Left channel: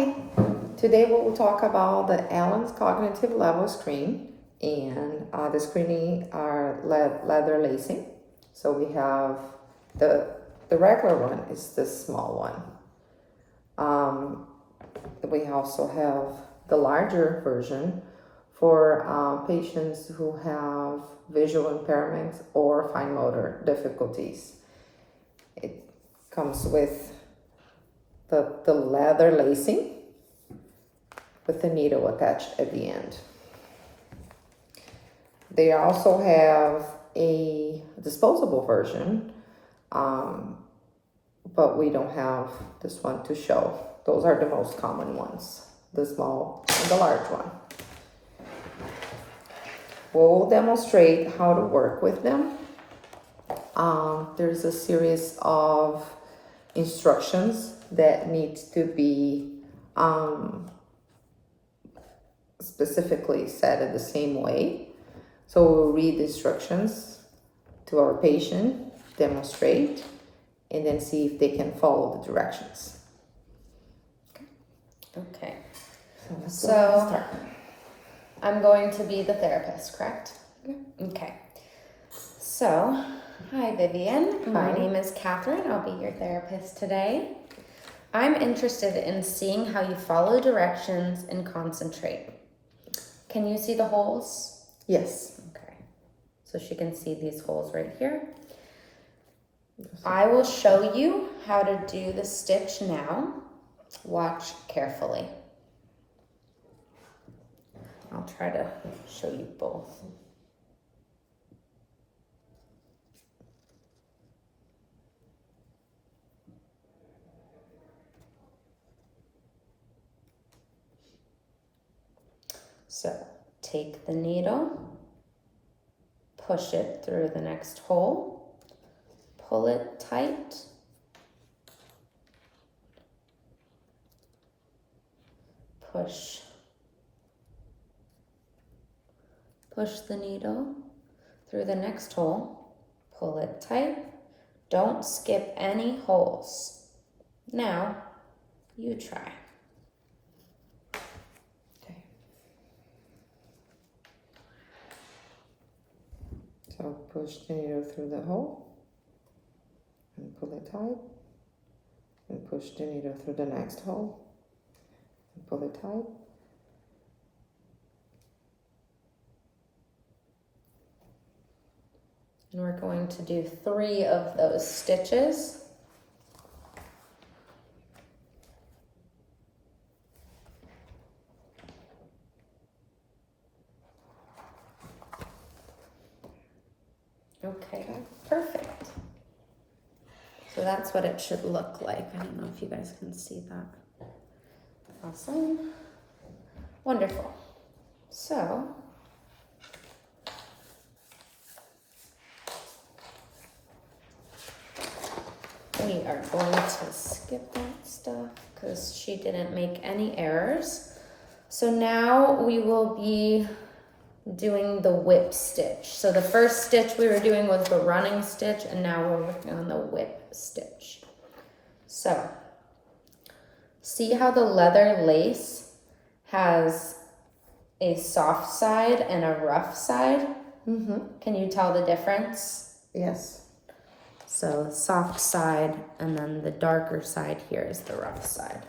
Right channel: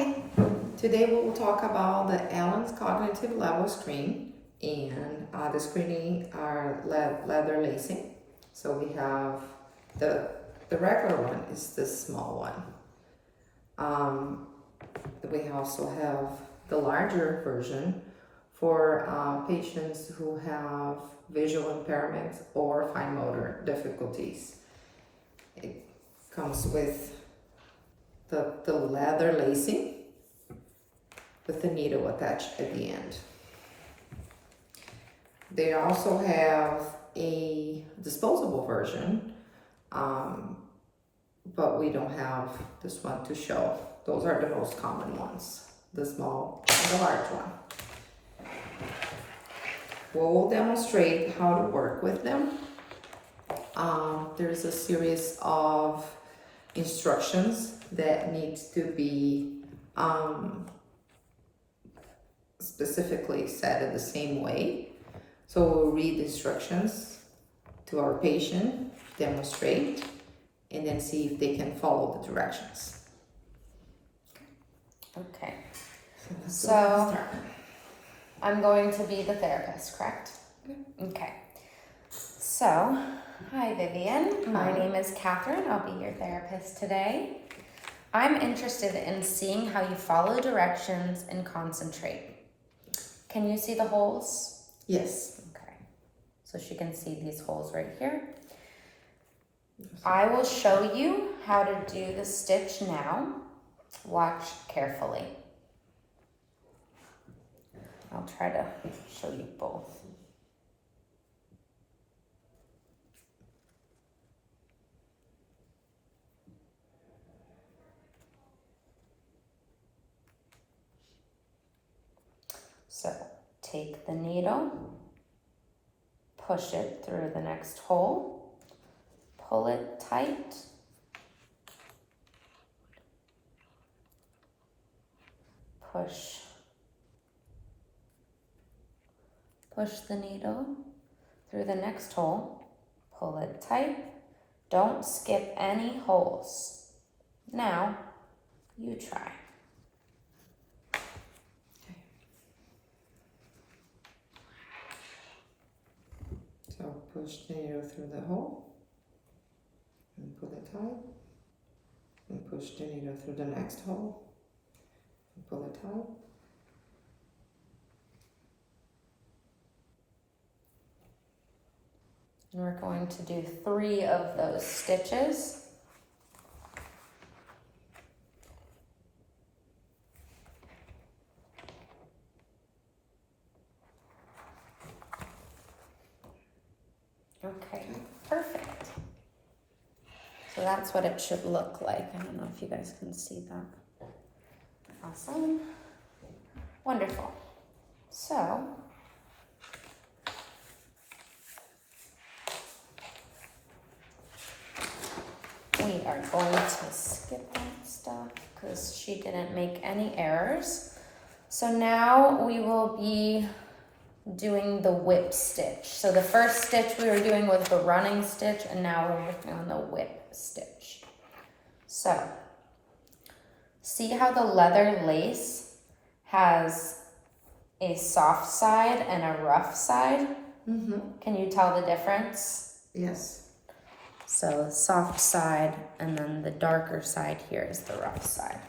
Hi, today we will talk about the Allen's Cognitive Level Screen, and the screening are leather lacing. So we have the regular one is the small one. We also have the larger version for patients who have visual impairments or fine motor difficulties. It comes with the leather lacing with the needle attached at the end. They also have a disposable version, but we don't have this one to show. Those are the most common ones, the small and the large one. We'll demonstrate how to work with them. There's a series of instructions that needs to be specifically said in the same way. So we'll read the instructions to our patient, demonstrate, and then see if they can follow the directions. Okay. Let's So start. I'm going to be the therapist, correct? Okay. So, hi Vivian. My Hi. name is Catherine. I'll be your therapist today. I'm interested in seeing how you follow directions and concentrate. Can you see the holes? Yes. Okay. So she can see these holes right here. I will show you how to do the stitch now. Watch carefully. I'll try to show you both. So take the needle, push it through the next hole, pull it tight, push the needle through the next hole, pull it tight, don't skip any holes. Now, you try. So push the needle through the hole and pull it tight. And push the needle through the next hole and pull it tight. And we're going to do 3 of those stitches. Okay, perfect. So that's what it should look like. I don't know if you guys can see that. Awesome. Wonderful. So, we are going to skip that stuff because she didn't make any errors. So now we will be doing the whip stitch. So the first stitch we were doing was the running stitch, and now we're working on the whip stitch. So, see how the leather lace has a soft side and a rough side? Mm-hmm. Can you tell the difference? Yes. So the soft side, and then the darker side here is the rough side.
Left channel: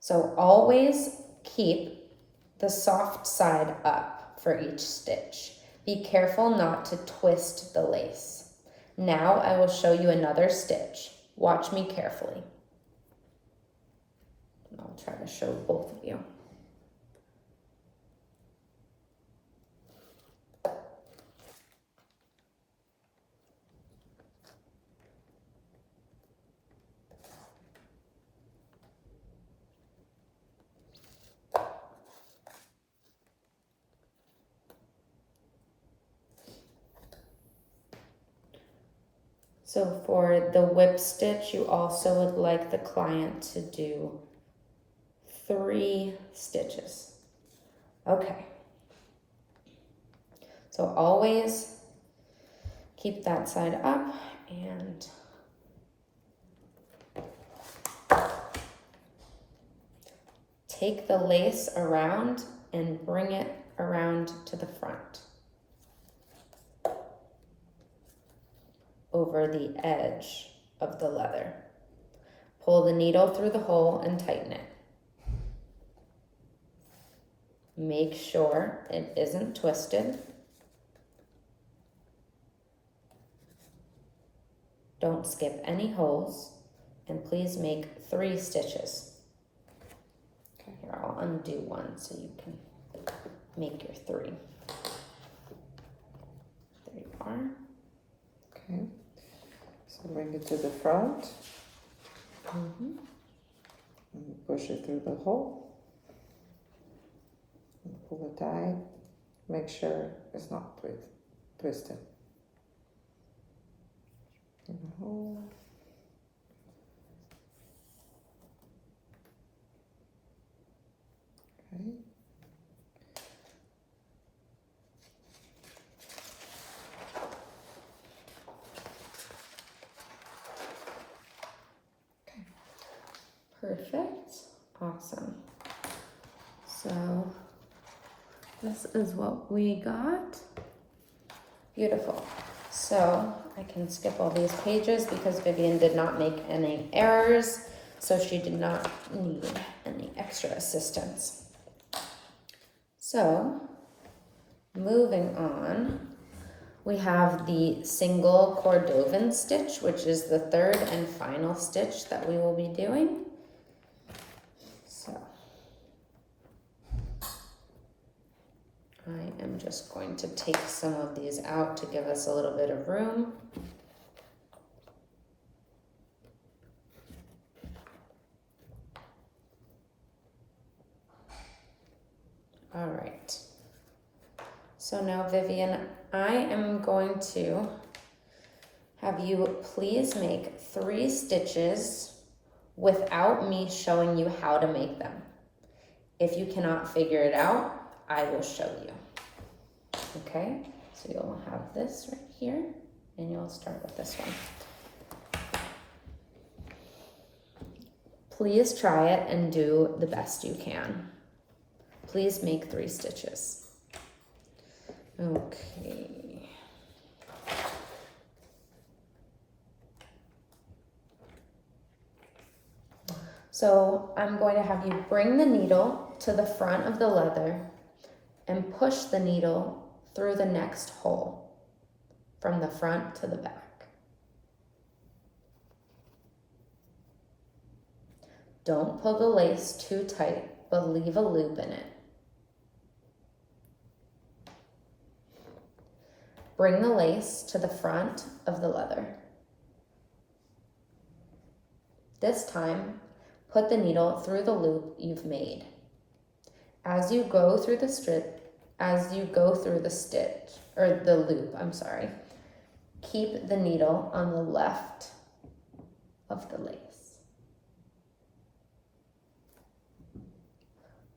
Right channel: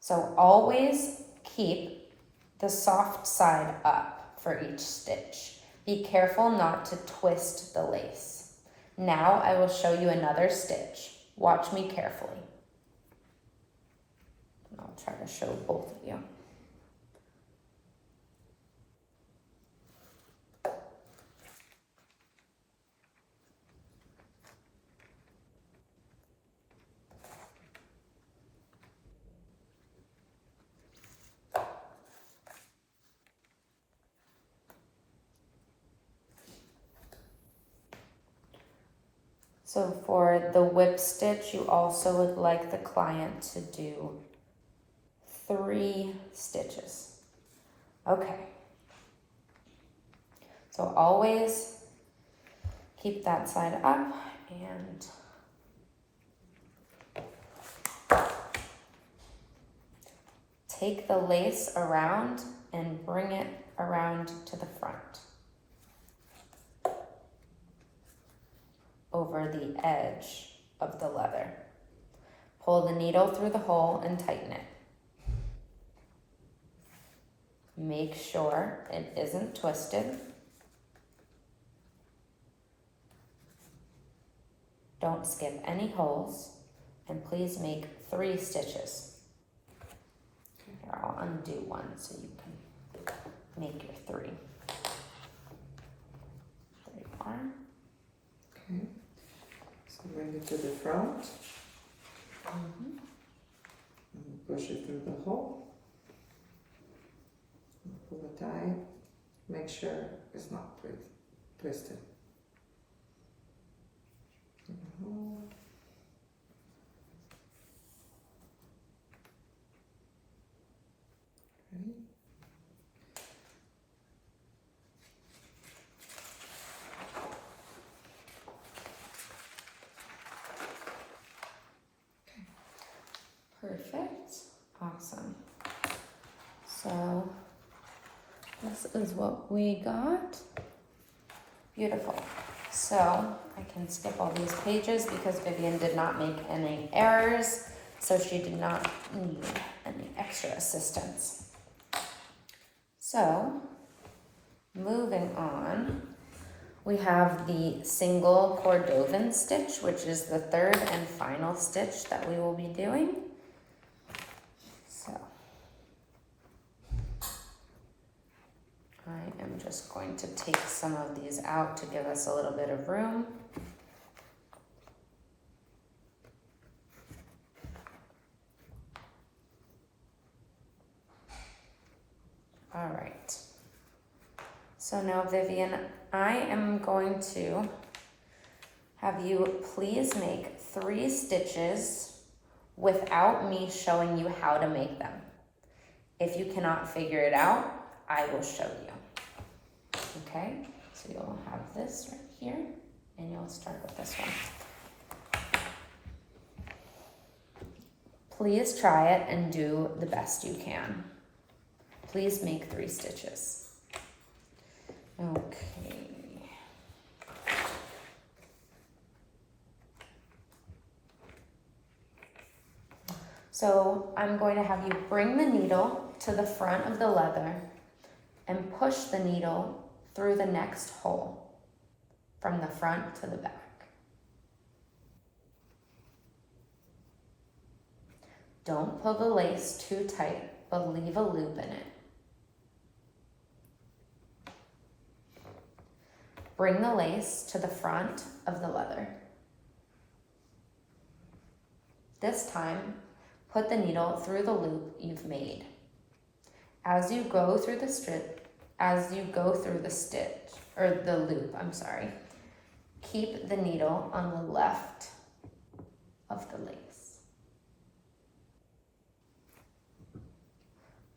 So always keep the soft side up for each stitch. Be careful not to twist the lace. Now I will show you another stitch. Watch me carefully. I'll try to show both of you. So for the whip stitch, you also would like the client to do 3 stitches. Okay. So always keep that side up and take the lace around and bring it around to the front. Over the edge of the leather. Pull the needle through the hole and tighten it. Make sure it isn't twisted. Don't skip any holes, and please make 3 stitches. Okay, here, I'll undo one so you can make your 3. There you are. Okay, so bring it to the front. Mm-hmm. And push it through the hole. And pull it tight. Make sure it's not twisted. In the hole. Okay. Perfect. Awesome. So this is what we got. Beautiful. So I can skip all these pages because Vivian did not make any errors, so she did not need any extra assistance. So moving on, we have the single Cordovan stitch, which is the 3rd and final stitch that we will be doing. So I am just going to take some of these out to give us a little bit of room. All right. So now, Vivian, I am going to have you please make 3 stitches without me showing you how to make them. If you cannot figure it out, I will show you. Okay, so you'll have this right here, and you'll start with this one. Please try it and do the best you can. Please make 3 stitches. Okay. So I'm going to have you bring the needle to the front of the leather and push the needle through the next hole from the front to the back. Don't pull the lace too tight, but leave a loop in it. Bring the lace to the front of the leather. This time, put the needle through the loop you've made. As you go through the loop, keep the needle on the left of the lace.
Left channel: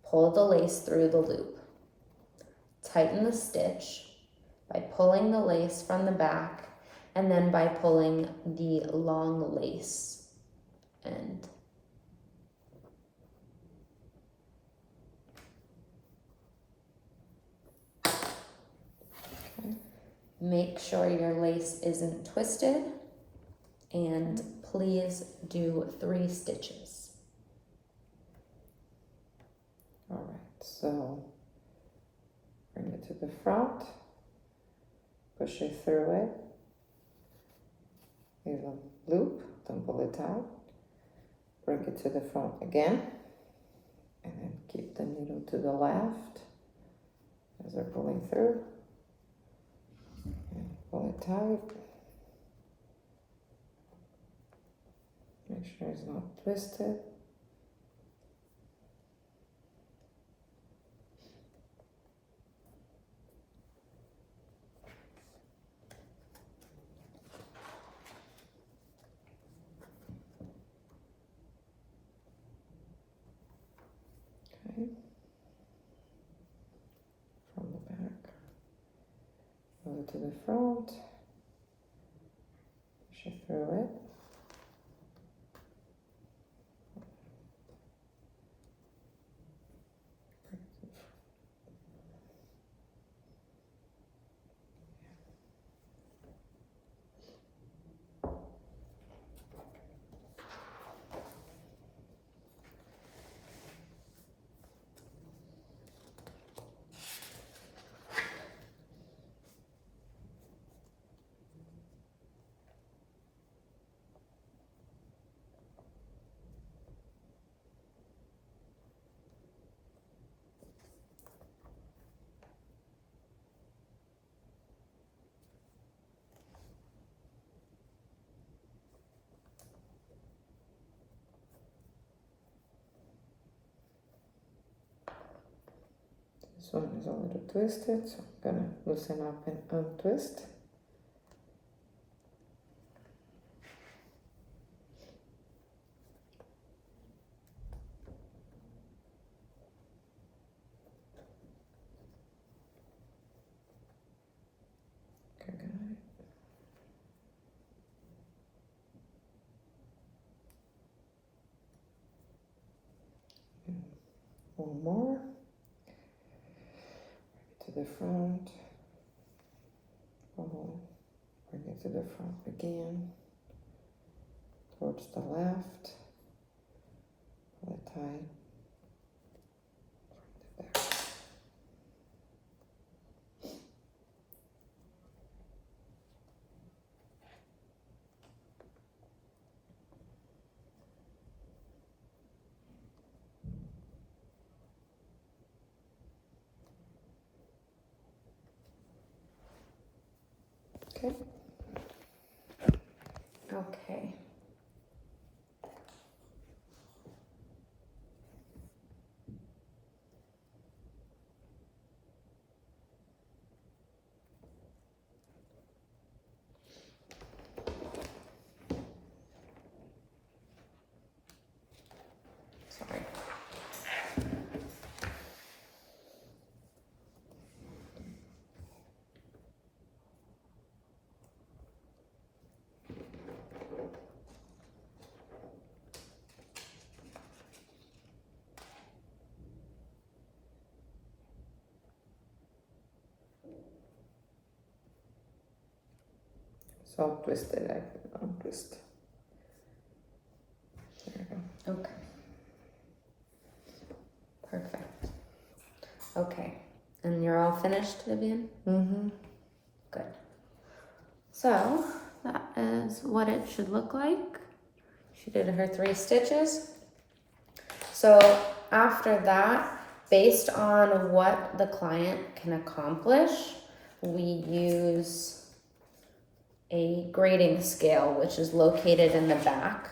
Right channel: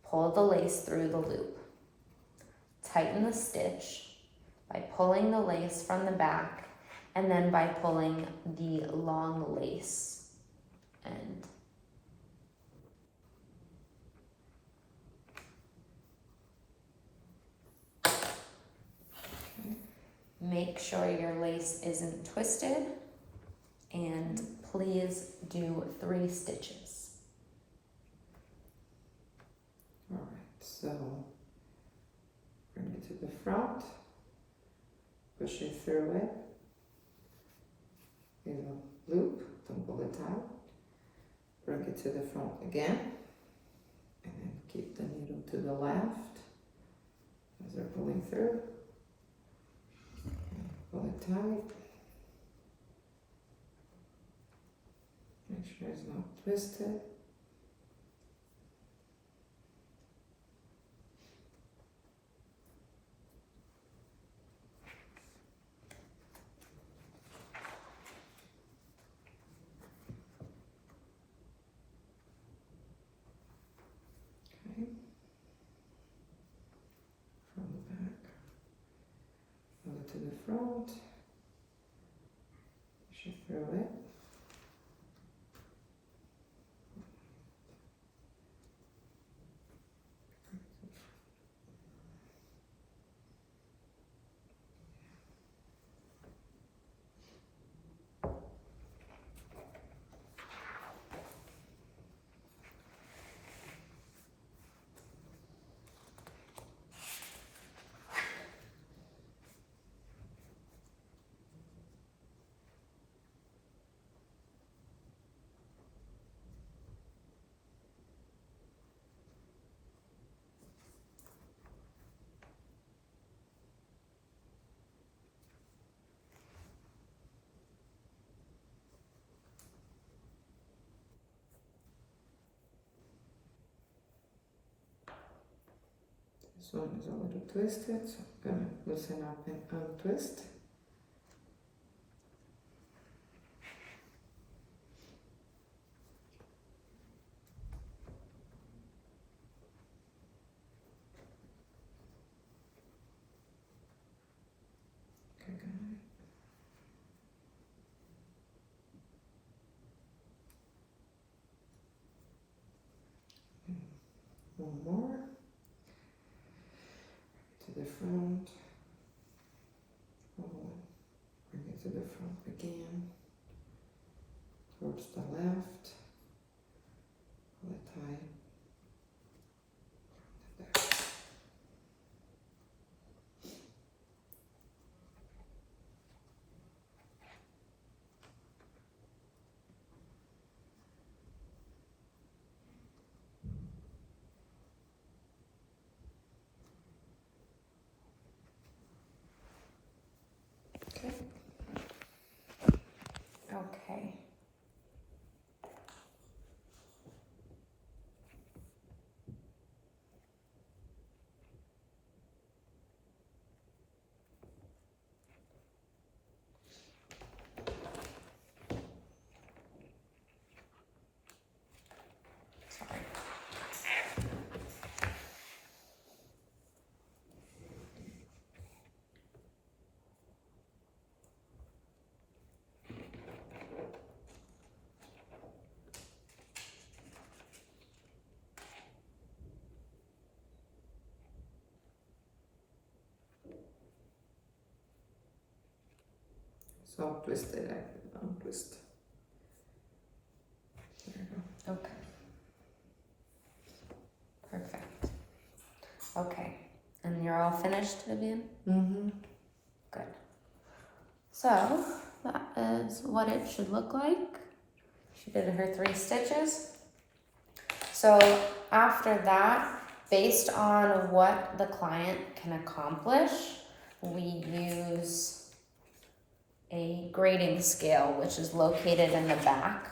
Pull the lace through the loop. Tighten the stitch by pulling the lace from the back and then by pulling the long lace end. Make sure your lace isn't twisted, and please do 3 stitches. All right, so bring it to the front, push it through it, leave a loop, don't pull it out, bring it to the front again, and then keep the needle to the left as they're pulling through. Pull it tight. Make sure it's not twisted. Okay. From the back. Pull it to the front, push it through it. one is a little twisted, so I'm gonna loosen up and untwist. Okay, got it. One more. To the front. Oh, bring it to the front again. Towards the left. Pull it tight. From the back. Okay. Okay. Sorry. So I'll twist it, untwist. There we go. Okay. Perfect. Okay. And you're all finished, Vivian? Mm-hmm. Good. So that is what it should look like. She did her 3 stitches. So after that, based on what the client can accomplish, we use a grading scale, which is located in the back.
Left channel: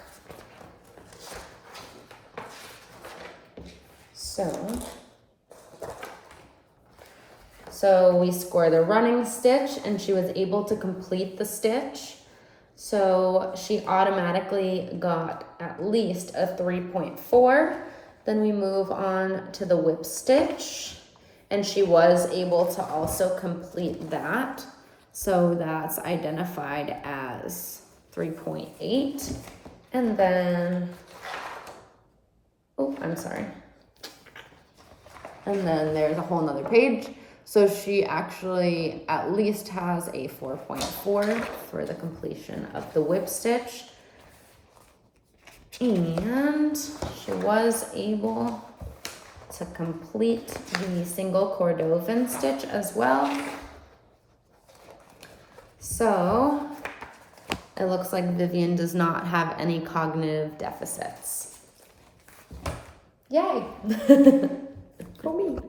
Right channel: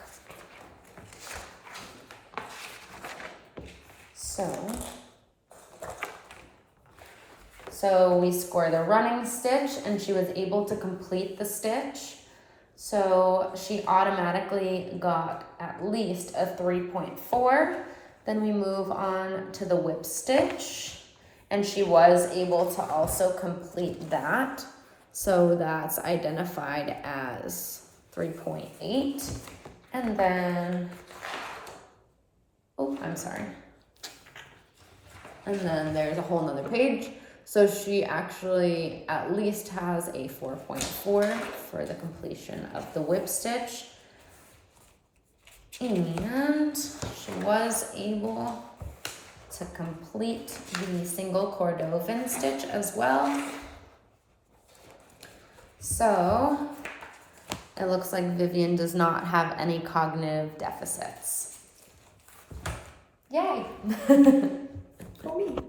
So we score the running stitch, and she was able to complete the stitch. So she automatically got at least a 3.4. Then we move on to the whip stitch, and she was able to also complete that. So that's identified as 3.8. And then, oh, I'm sorry. And then there's a whole nother page. So she actually at least has a 4.4 for the completion of the whip stitch. And she was able to complete the single Cordovan stitch as well. So it looks like Vivian does not have any cognitive deficits. Yay! For me.